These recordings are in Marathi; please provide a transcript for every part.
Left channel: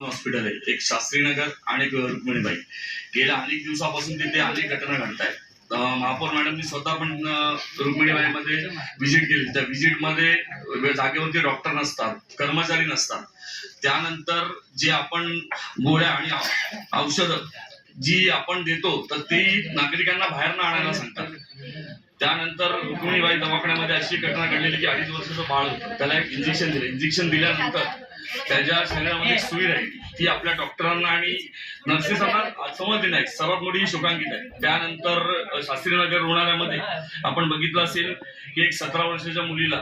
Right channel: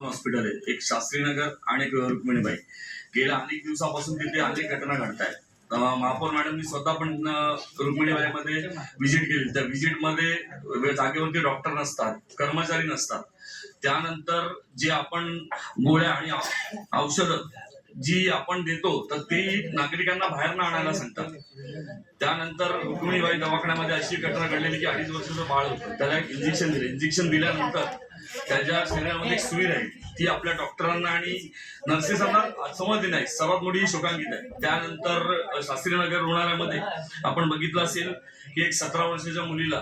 हॉस्पिटल आहे एक शास्त्रीनगर आणि एक रुक्मिणीबाई. गेल्या अनेक दिवसापासून तिथे अनेक घटना घडतायत. महापौर मॅडमनी स्वतः पण रुक्मिणीबाईमध्ये व्हिजिट केली. त्या व्हिजिटमध्ये जागेवरती डॉक्टर नसतात, कर्मचारी नसतात. त्यानंतर जे आपण गोळ्या आणि औषधं जी आपण देतो तर ते नागरिकांना बाहेर न आणायला सांगतात. त्यानंतर रुक्मिणीबाई दवाखान्यामध्ये अशी घटना घडलेली की 2.5 वर्षाचं बाळ होतं. त्याला एक इंजेक्शन दिलं. इंजेक्शन दिल्यानंतर त्याच्या शरीरामध्ये एक सुई राहील. ती आपल्या डॉक्टरांना आणि नर्सेसांना समजली नाही. सर्वात मोठी शोकांकित आहे. त्यानंतर शास्त्रीनगर रुग्णालयामध्ये आपण बघितलं असेल की एक 17 वर्षाच्या मुलीला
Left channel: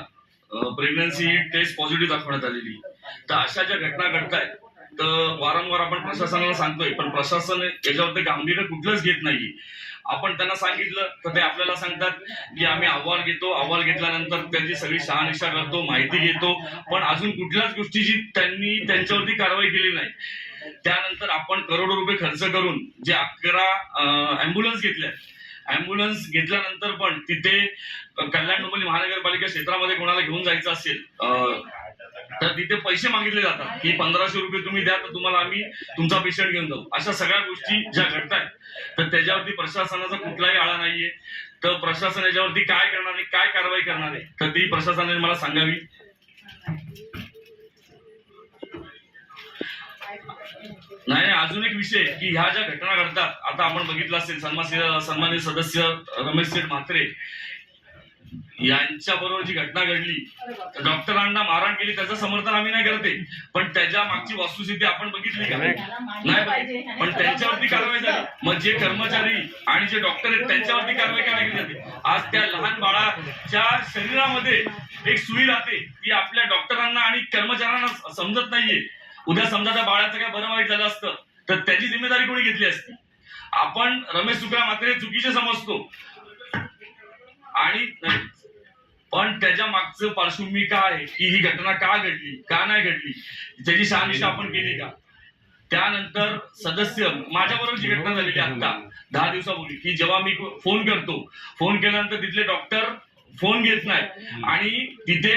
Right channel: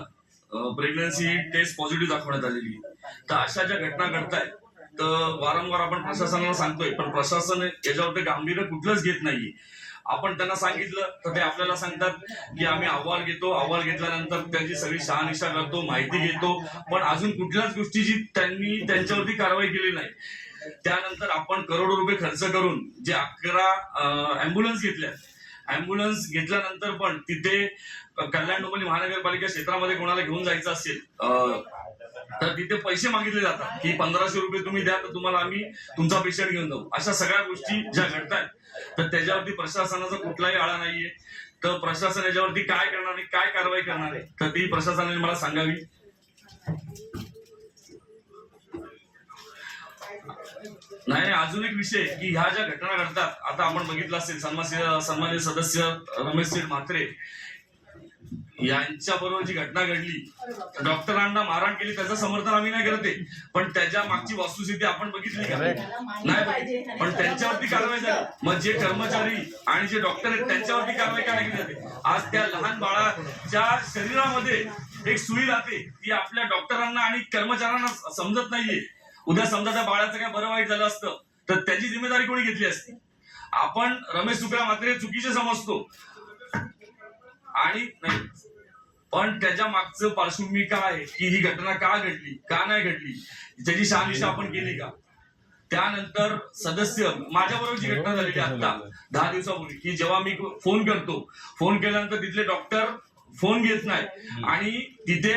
प्रेग्नन्सी टेस्ट पॉझिटिव्ह दाखवण्यात आलेली. तर अशा ज्या घटना घडतायत तर वारंवार आपण प्रशासनाला सांगतोय, पण प्रशासन याच्यावरती गांभीर्य कुठलंच घेत नाहीये. आपण त्यांना सांगितलं तर ते आपल्याला सांगतात की आम्ही अहवाल घेतो, अहवाल घेतल्यानंतर त्यांची सगळी शहानिशा करतो, माहिती घेतो, पण अजून कुठल्याच गोष्टीची त्यांनी त्यांच्यावरती कारवाई केली नाही. त्यानंतर आपण करोडो रुपये खर्च करून जे 11 अँब्युलन्स घेतल्या, अँब्युलन्स घेतल्यानंतर पण तिथे कल्याण डोंबिवली महानगरपालिका क्षेत्रामध्ये कोणाला घेऊन जायचं असेल तर तिथे पैसे मागितले जातात की 1500 रुपये तुम्ही द्या तर तुम्हाला आम्ही तुमचा पेशंट घेऊन जाऊ. अशा सगळ्या गोष्टी ज्या घडतायत तर त्याच्यावरती प्रशासनाचा कुठलाही आळा नाहीये. तर प्रशासन याच्यावरती काय करणार आहे, काय कारवाई करणार आहे तर ती प्रशासनाने मला सांगावी. नाही, अजून एक विषय की ह्या ज्या घटना घडतात, आता आपण बघितलं असेल सन्माननीय सदस्य रमेश शेठ म्हात्रे यांच्या बरोबर जी घटना घडली, डॉक्टरांना मारहाण केली, त्याचं समर्थन आम्ही नाही करते, पण त्याच्या मागची वस्तुस्थिती आपण बघितली का? नाही बघितली. पण त्यांच्यावरती कारवाई झाली. मग जे कर्मचारी आणि जे डॉक्टर आहेत त्यांच्यावरती कारवाई काय केली जाते? आज त्या लहान बाळाच्या शरीरामध्ये एक सुई राहते ती आपल्या डॉक्टरांना आणि कर्मचाऱ्यांना समजत नाहीये. उद्या समजा त्या बाळाचं काय बरं वाईट झालं असतं तर त्याची जिम्मेदारी कोणी घेतली असती? आपण रमेश सुकरा मात्र चुकीचे समजतो आणि पण त्याच्या मागचं पार्श्वभूमी काय आहे की ही घटना का घडली, का नाही घडली, त्याची शहानिशा आपण केली का? त्यानंतर सदस्य माझ्याबरोबर जी घटना झालेली आता 10 दिवसापूर्वी की जेव्हा मी फोन करतो, फोन केल्यानंतर तिथले डॉक्टर फोन घेत नाही आणि तिथे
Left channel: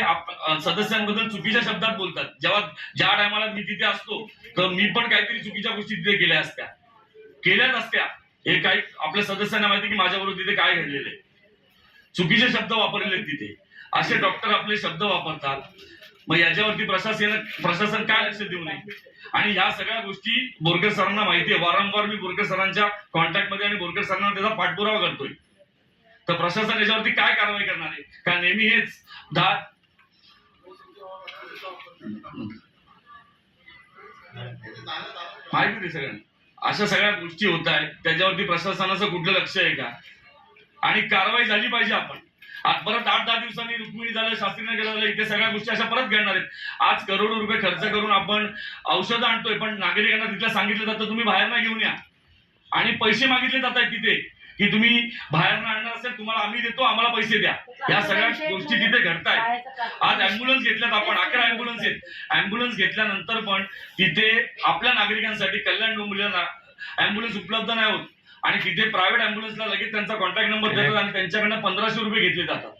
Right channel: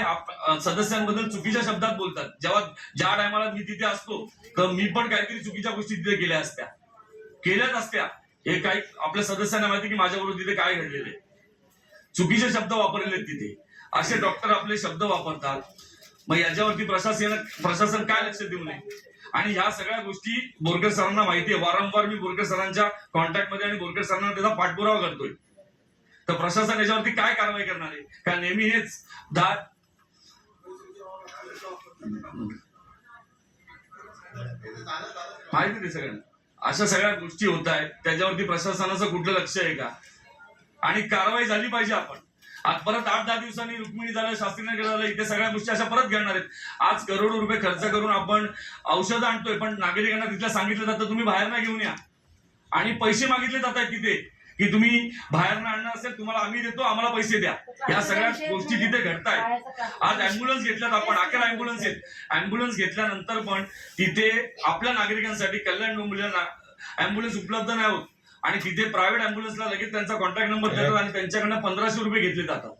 सदस्यांबद्दल चुकीच्या शब्दात बोलतात. जेव्हा ज्या टायमाला मी तिथे असतो तर मी पण काहीतरी चुकीच्या गोष्टी तिथे केल्याच असत्या. हे काही आपल्या सदस्यांना माहिती की माझ्याबरोबर तिथे काय घडलेले, चुकीचे शब्द वापरलेले तिथे. असे डॉक्टर आपले शब्द वापरतात. मग याच्यावरती प्रशासन काय लक्ष देऊ नये? आणि ह्या सगळ्या गोष्टी बोरकर सरांना माहिती आहे. वारंवार मी बोरकर सरांच्या कॉन्टॅक्ट मध्ये आणि बोरकर सरांना त्याचा पाठपुरावा करतोय. तर प्रशासन याच्यावरती काय कारवाई करणार आहे? का नेहमी हेच माहिती आहे सगळ्यांना अशा सगळ्या गोष्टी होत आहेत, त्याच्यावरती प्रशासनाचं कुठलं लक्ष आहे का? आणि कारवाई झाली पाहिजे. आपण आज परत 8-10 दिवसांनी रुक्मिणी झालं, शास्त्रीनगर झालं, इथे सगळ्या गोष्टी अशा परत घडणार आहेत. आज करोडो रुपये खर्च करून आपण औषधं आणतोय, पण नागरिकांना तिथलं सांगितलं जातं तुम्ही बाहेर ना घेऊन या आणि पैसे मागितले जात आहेत तिथे की तुम्ही बाहेर ना आणणार असेल तुम्हाला आम्ही देतो, आम्हाला पैसे द्या. या सगळ्या गोष्टी तिथे घडतायत. आज अँब्युलन्स घेतल्यात आपण, 11 अँब्युलन्स आहेत. अँब्युलन्स घेतल्यानंतर पण तिथे आपल्या नागरिकांसाठी कल्याण डोंबिवलीला अँब्युलन्स उपलब्ध नाही होत आणि तिथे प्रायव्हेट अँब्युलन्सला लगेच त्यांचा कॉन्टॅक्ट नंबर देतात आणि त्यांच्याकडनं 1500 रुपये घेतले जातात.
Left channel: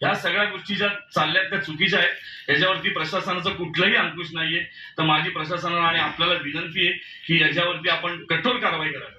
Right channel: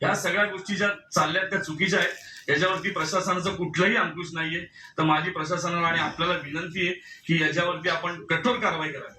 या सगळ्या गोष्टी ज्या चालल्यात त्या चुकीच्या आहेत. याच्यावरती प्रशासनाचं कुठलंही अंकुश नाहीये. तर माझी प्रशासनाला आणि आपल्याला विनंती आहे की याच्यावरती आपण कठोर कारवाई करावी.